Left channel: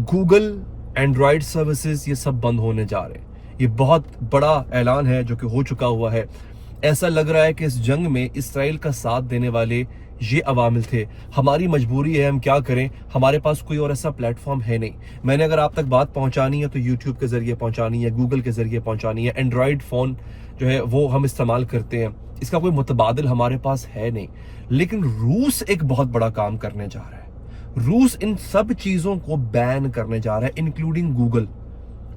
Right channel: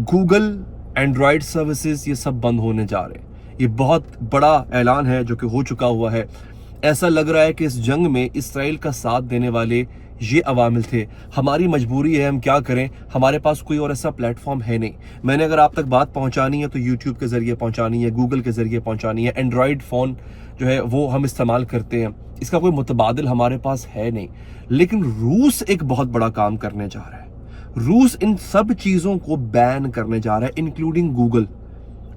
Google, Android services ये सब बंद होने जा रहे हैं। ये बहुत बड़ा ऐलान है जो कि हो चुका हुआ है। ऐसा लग रहा है कि इस जंग में इसराइल का साथ देने वाले ये अवामिल थे। हमारी मजबूरी है, हम क्या करें, हमारे पास कोई और ऐसा प्लेटफॉर्म है नहीं। मैंने अगर आप तक बात पहुंचानी है तो यूट्यूब के ज़रिए पहुंचानी है, गूगल के ज़रिए पहुंचानी है, एंड्रॉयड फ़ोन जो है वो हम इस्तेमाल करते हैं, इसका कोई मुतबादिल हमारे पास है नहीं। लेकिन रूस एक बहुत बड़ा काम करने जा रहा है। रूस इन सब चीज़ों को बैन करने जा रहा है, इंक्लूडिंग गूगल।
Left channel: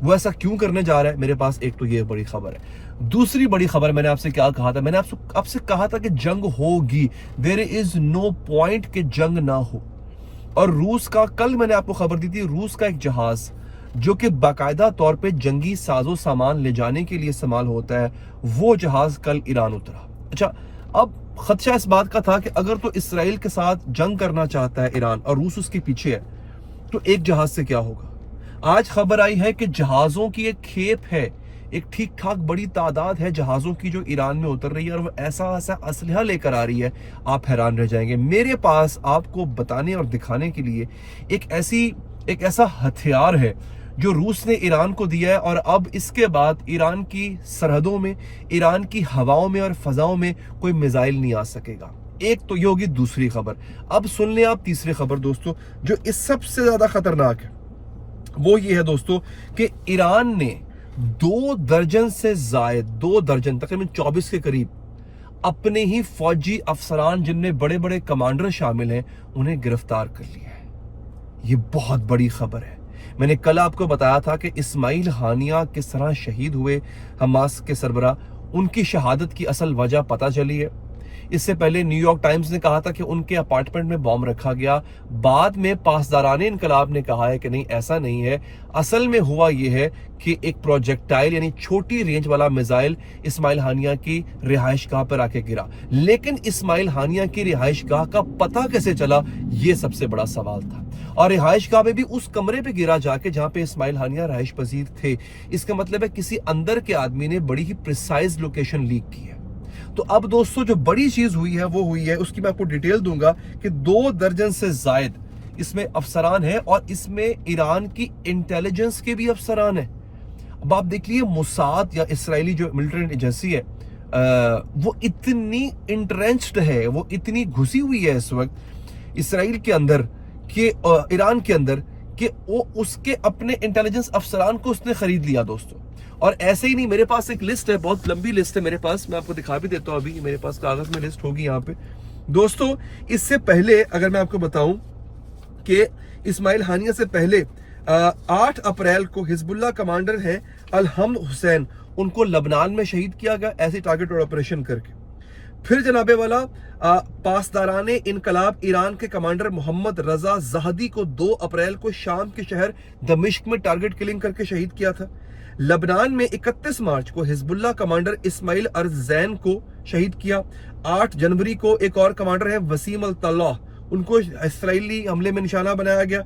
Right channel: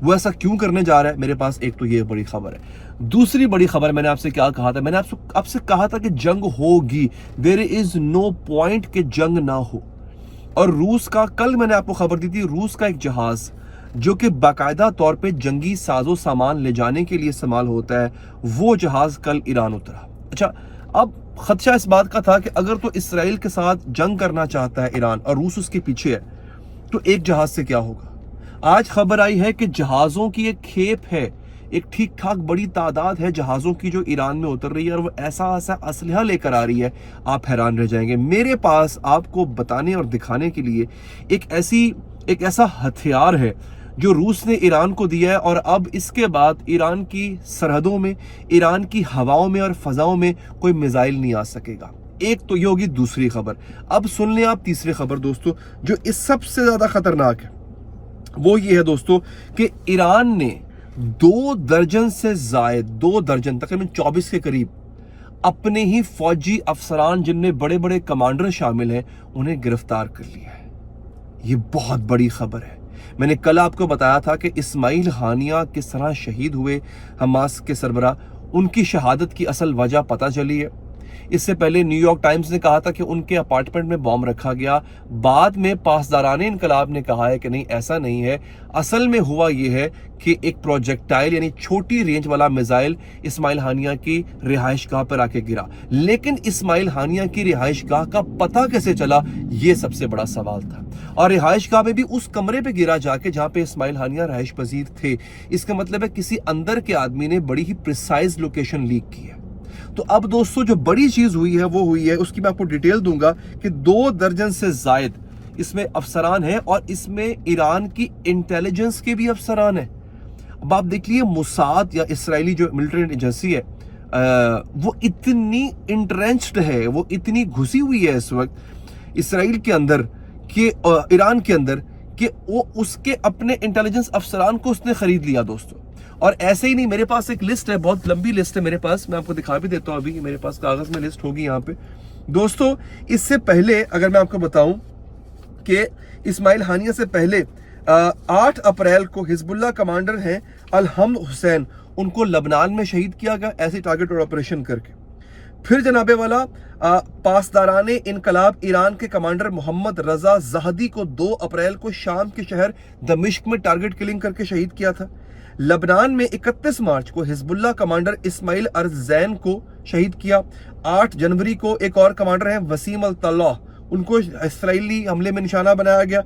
वो ऐसा क्यों करने जा रहा है, मेरे पास एक तो ये बड़ी खबर है। दूसरी बड़ी खबर, मैंने आपसे क्या कहा था, मैंने आपसे कहा था कि जंग होगी, देयर इज नो पॉइंट कि जंग ना हो। और रूस का, कल मैंने आपको खबर दी थी, रूस का एक जहाज जो कि बाकायदा तौर पे जंगी साजो सामान ले जाने के लिए इस्तेमाल होता है, वो जहाज कल ईरान उतरा। अच्छा, अब खदशा इस बात का था कि अगर तो इसराइल के साथ जंग करना चाहता है ईरान और रूस उसके पीछे है, तो एक जहाज से क्या होगा। आज खबर आई है कि जहाजों की एक खेप है, एक ठीक ठाक बड़ी तादाद है जहाजों की जो ईरान में उतर रही है, और वो ऐसा ऐसा असलहा लेकर आ रही है, आप हैरान रह जाएंगे। मेरे पास आपको बताने और दिखाने के लिए एक ऐसा हथियार है जो रूस ने ईरान को दिया है, और अब इसके बाद ईरान की सरहदों में, ईरान की हवाओं में और फजाओं में कोई मिसाइल नहीं आ सकेगा। एक तो ये होगी दूसरी खबर। अब सुन लें आप तीसरी खबर दोस्तों, जो इस सबसे ज्यादा खतरनाक है। वो ये है दोस्तों कि ईरान ने 2 दर्जन से जायद, 2 दर्जन तकरीबन 24 के करीब अपने ही फौजी अफसरान, जिनमें बड़े बड़े कमांडर शामिल हैं, उन्हें गिरफ्तार कर लिया है। ये बहुत बड़ी खबर है। मैंने कल आपको बताया था कि इस्माइल हानिया किस तरह शहीद हुए, हमास के सरबराह, उनकी शहादत की असल वजह पता चली है। इससे पहले न्यूयॉर्क टाइम्स ने कहा था कि उनके अपार्टमेंट में बॉम्ब रखा गया। बाद में पासदाराने इनकलाब ने कहा है कि नहीं, ऐसा नहीं है। असल में हुआ यह है कि एक प्रोजेक्टाइल यानी छोटी रेंज वाला मिसाइल इस्माइल हानिया की रिहाइश गाह पर आके गिरा। लेकिन इस्माइल हानिया की रिहाइश गाह का पता कैसे चला, ये सबसे बड़ा सवाल था। और रिहाइश गाह में भी उस कमरे पे गिरा जाके जहां पे इस्माइल हानिया रिहाइश पजीर थे। इसका मतलब है किसी अंदर के आदमी ने बड़ी ही प्रिसाइज लोकेशन लीक की है। तो अब दोस्तों जो बड़ी चीज हुई है वो हुई है, उसकी मैं आपको डिटेल दूंगा कि 2 दर्जन से जायद इसमें अफसरान हैं, और इसमें ईरान की इंटेलिजेंस के भी अफसरान हैं। अब आप देख लीजिए, मोसाद या इसराइली जो मिलिट्री एजेंसी है, वो इतनी इंट्रेंच्ड है, वो इतनी घुसी हुई है इस वक्त इसराइल के अंदर, कि ईरान के अंदर, कि वो उसके अपने इंटेलिजेंस अफसरान को उसने खरीद लिया दोस्तों। और ऐसे ही नहीं, मेरे पास एक लिस्ट है, बहुत लंबी लिस्ट है मेरे पास, मैं आपको दिखा भी देता हूं। अभी मेरे पास कागज में लिस्ट होगी यहाँ पे दोस्तों। इससे पहले अगर मैं आपको बताऊं कि इस्माइल हानिया से पहले 8 अप्रैल को हिजबुल्लाह कमांडर हैं अलहम्द हुसैन, उनको लबनान में शहीद किया गया ऐसे टारगेट और ऑपरेशन करके। फिर जनाबे वाला पासदाराने इनकलाब ईरान के कमांडर मोहम्मद रजा जहदी को 2 अप्रैल को शाम के शहर दमिश्क में टारगेट किलिंग करके शहीद किया था। लबनान में 31 मार्च को हिजबुल्लाह कमांडर इस्माइल अरजैन को शहीद किया। 8 जनवरी को एक और कमांडर है वसीम अल तल्लाह, उनको इसराइली हमले में निशाना बनाया गया।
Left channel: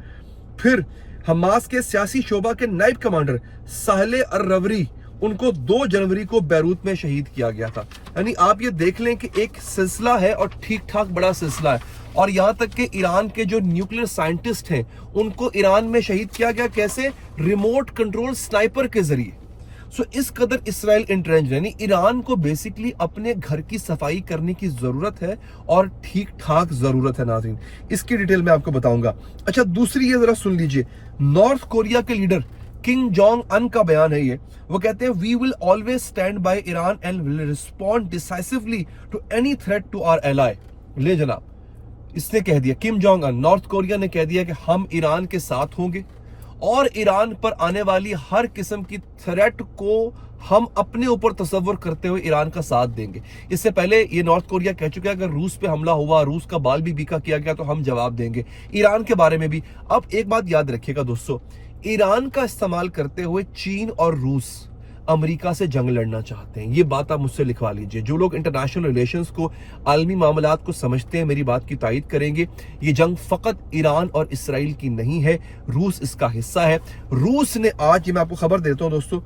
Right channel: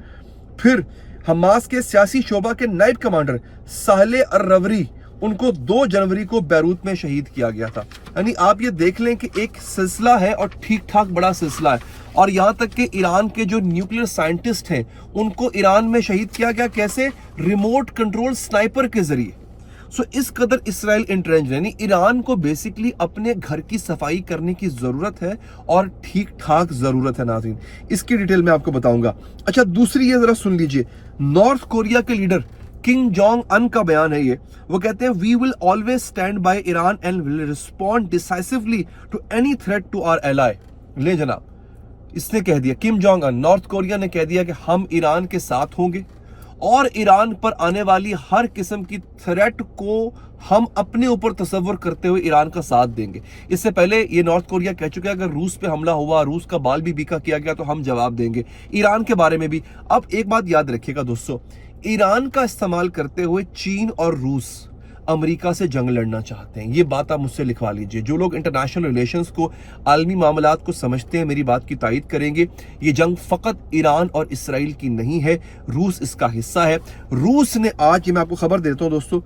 फिर हमास के सियासी शोबा के नाइब कमांडर साहले अर्रवरी, उनको 2 जनवरी को बैरूत में शहीद किया गया था। यानी आप ये देख लें कि एक सिलसिला है और ठीक ठाक बड़ा सिलसिला है। और यहां तक कि ईरान के जो न्यूक्लियर साइंटिस्ट हैं, उनको ईरान में शहीद किया गया, कैसे, रिमोट कंट्रोल स्नाइपर के जरिए। सो इस कदर इसराइल इंट्रेंच, यानी ईरान को बेसिकली अपने घर की सफाई करने की जरूरत है, और ठीक ठाक जरूरत है नाज़रीन। इसकी डिटेल मैं आपको बताऊंगा। अच्छा, दूसरी ये जरा सुन लीजिए, नॉर्थ कोरिया के लीडर किम जोंग अन का बयान है ये। वो कहते हैं, we will always stand by Iran and will respond decisively to any threat to our ally. ले जनाब, इसने कह दिया, Kim Jong Un, North Korea ने कह दिया कि हम ईरान के साथ होंगे, और ईरान पर आने वाली हर किस्म की थ्रेट को हम अपने ऊपर तसव्वुर करते हुए ईरान का साथ देंगे। इससे पहले ये नॉर्थ कोरिया कह चुका है अगर रूस पे हमला हुआ, रूस का बाल भी बीका किया गया, तो हम जवाब देंगे। ईरान के बारे में भी अब एक बात याद रखिएगा दोस्तों, ईरान का इस्तेमाल करते हुए चीन और रूस अमेरिका से जंग लड़ना चाहते हैं। ये बात आप मुझसे लिखवा लीजिए। जो लोग इंटरनेशनल रिलेशंस को, आलमी मामलात को समझते हैं, मेरी बात की तायीद करेंगे। ये जंग फकत ईरान और इसराइल की नहीं है, रूस इसका हिस्सा है। रूस ने आज, ये मैं आपको खबर देता हूं दोस्तों,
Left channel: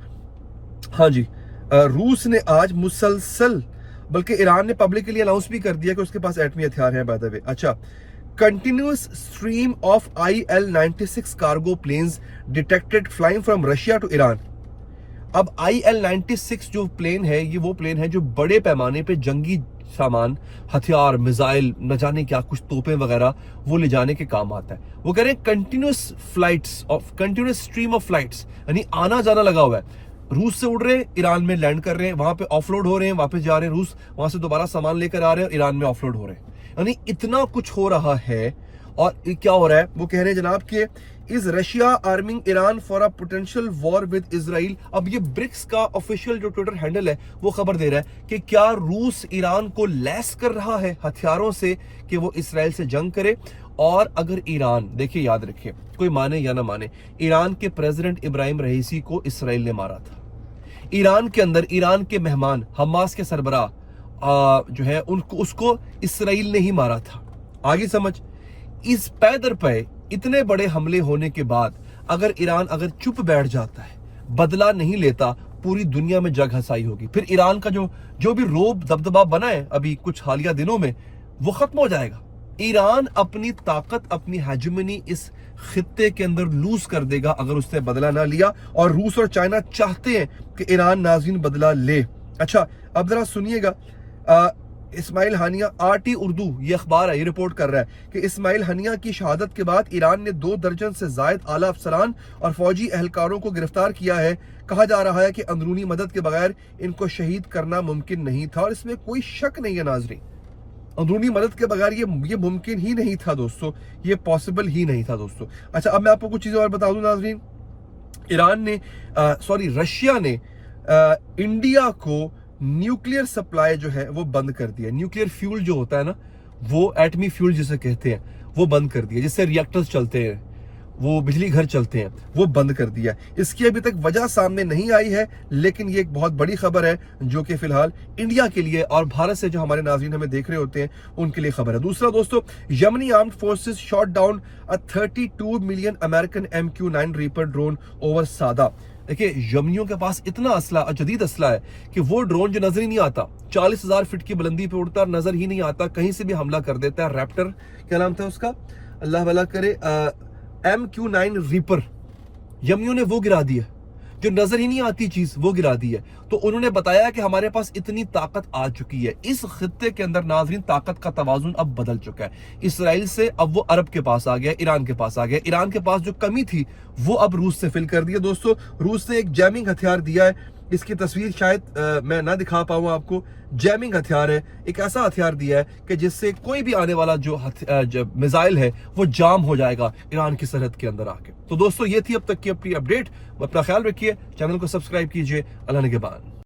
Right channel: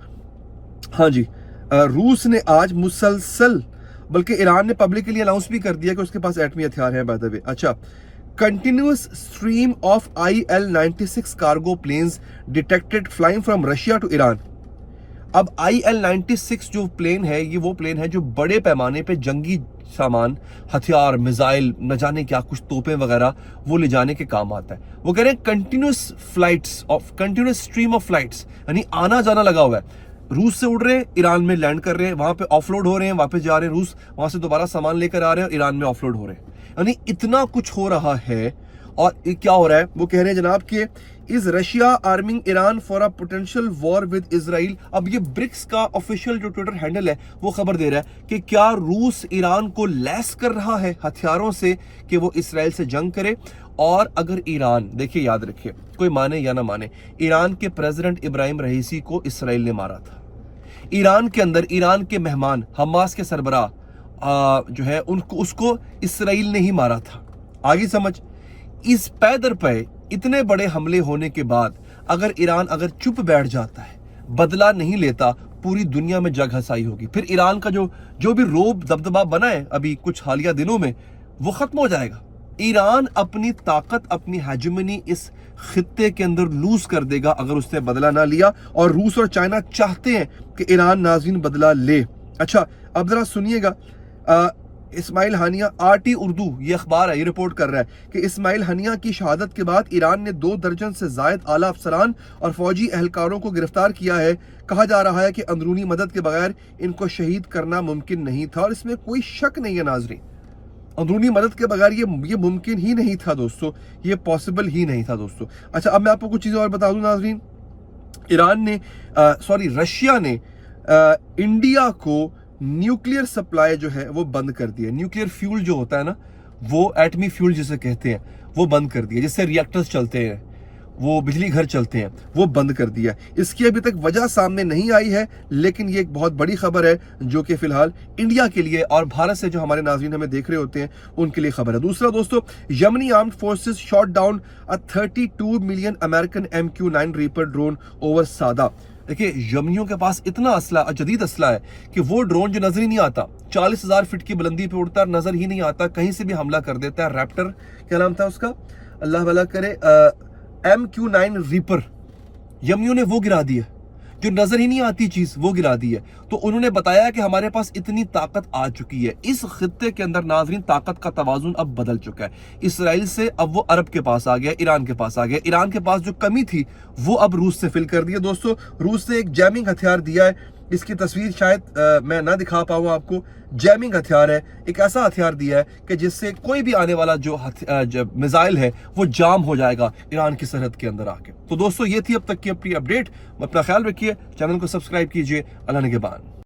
हाँ जी, रूस ने आज मुसलसल, बल्कि ईरान ने पब्लिकली अनाउंस भी कर दिया कि उसके पास एटमी हथियार है बाय द वे। अच्छा, continuous stream of IL-96 cargo planes detected flying from Russia to Iran. अब IL-96 जो प्लेन है, ये वो प्लेन है जो बड़े पैमाने पे जंगी सामान, हथियार, मिसाइल, न जाने क्या कुछ तोपें वगैरह वो ले जाने के काम आता है. वो कह रहे हैं कंटिन्यूस स्ट्रीम ऑफ फ्लाइट्स, यानी आना जाना लगा हुआ है. रूस से उड़ रहे हैं, ईरान में लैंड कर रहे हैं, वहां पे ऑफलोड हो रहे हैं, वापस जा रहे हैं रूस, वहां से दोबारा सामान लेकर आ रहे हैं और ईरान में ऑफलोड हो रहे हैं. यानी इतना कुछ हो रहा है. और क्या हो रहा है, वो कह रहे हैं जनाब कि is Russia arming Iran for a potential war with Israel. अब ये ब्रिक्स का ऑफिशियल जो ट्विटर हैंडल है वो खबर दे रहा है कि क्या रूस ईरान को लैस कर रहा है हथियारों से कि वो इसराइल से जंग करे. और अगर ईरान, देखिए याद रखिए, कोई माने या ना माने, ईरान के प्रेसिडेंट इब्राहिम रईसी को इसराइल ने मारा था. ईरान के अंदर ईरान के मेहमान हमास के सरबराह जो है उसको इसराइल ने ही मारा था. आगे समझ. इस पैदर पे इतने बड़े हमले होने के बाद अगर ईरान अगर चुप बैठ जाता है, बदला नहीं लेता, पूरी दुनिया में जग हंसाई होगी. फिर ईरान का जो भी रोब दबदबा बना है अभी कुछ हालिया दिनों में, वो खत्म हो जाएगा. ईरान अपनी ताकत, अपनी हेजेमनी इस खित्ते के अंदर लूज कर देगा अगर उसने बदला ना लिया. और रूस और चाइना चाहते हैं कि ईरान नाज़रीन बदला ले. अच्छा, अब जरा सुनिएगा. इस्माइल हानिया, आरटी उर्दू ये अखबार है, ये रिपोर्ट कर रहा है कि इस्माइल हानिया की शहादत के बाद ईरान ने 2 दर्जन से जायद आला अफसरान और फौजी एहलकारों को गिरफ्तार किया है. कहा जा रहा है कि अंदरूनी मदद के बगैर इनको शहीद करना मुमकिन नहीं था. और इसमें कोई शक नहीं है नाजरीन, अंदरूनी मदद के बगैर ये मुमकिन ही नहीं था दोस्तों, ये पॉसिबल ही नहीं था दोस्तों. अच्छा, अब मैं आपको कुछ चीज़ें और बता दूं नाजरीन. रशिया ने इंडिया को न्यूक्लियर सप्लाई जो है वो बंद कर दिया. न्यूक्लियर फ्यूल जो होता है ना, वो एटमी फ्यूल जिसे कहते हैं, वो बंद कर दिया. जिससे रिएक्टर्स चलते हैं, वो बिजली घर चलते हैं, वो बंद कर दिया. इसकी अभी तक वजह सामने नहीं आई है, लेकिन ये एक बहुत बड़ी खबर है जो कि फिलहाल इंडिया के लिए और भारत से जो हमारे नाज़रीन हमें देख रहे होते हैं उनके लिए खबर है. दूसरा दोस्तों, यमनी armed forces shot down a 32 million American MQ-9 reaper drone over Saada. देखिए, यमनियों के पास इतना असला, जदीद असला है कि वो ड्रोन जो नजर ही नहीं आता, 40,000 फीट की बुलंदी पे उड़ता, नजर ही नहीं आता, कहीं से भी हमला कर देता है. रैप्टर क्या नाम था उसका, अल्लाह भला करे, MQ-9 रीपर, यमनियों ने वो गिरा दिया. जो नजर ही नहीं आती चीज वो गिरा दी है. तो उन्होंने बताया कि हमारे पास इतनी ताकत आ चुकी है. इस खित्ते के अंदर नाजरीन ताकत का तवाजुन अब बदल चुका है. इसराइल से अब वो अरब के पास आ गया, ईरान के पास आ गया. ईरान के पास जो कमी थी वो अब रूस से फिल कर दिया. दोस्तों, रूस ने एक जैमिंग हथियार दिया है. इसकी तस्वीर शायद मैं ना दिखा पाऊँ आपको. जैमिंग हथियार है, एक ऐसा हथियार दिया है कि जिससे कोई भी आने वाला जो मिसाइल है वो जाम हो जाएगा ईरान की सरहद के अंदर आके. तो दोस्तों, ये थी अब तक की अपनी अपडेट. अपना ख्याल रखिए, चैनल को सब्सक्राइब कीजिए. अल्लाह निगहबान.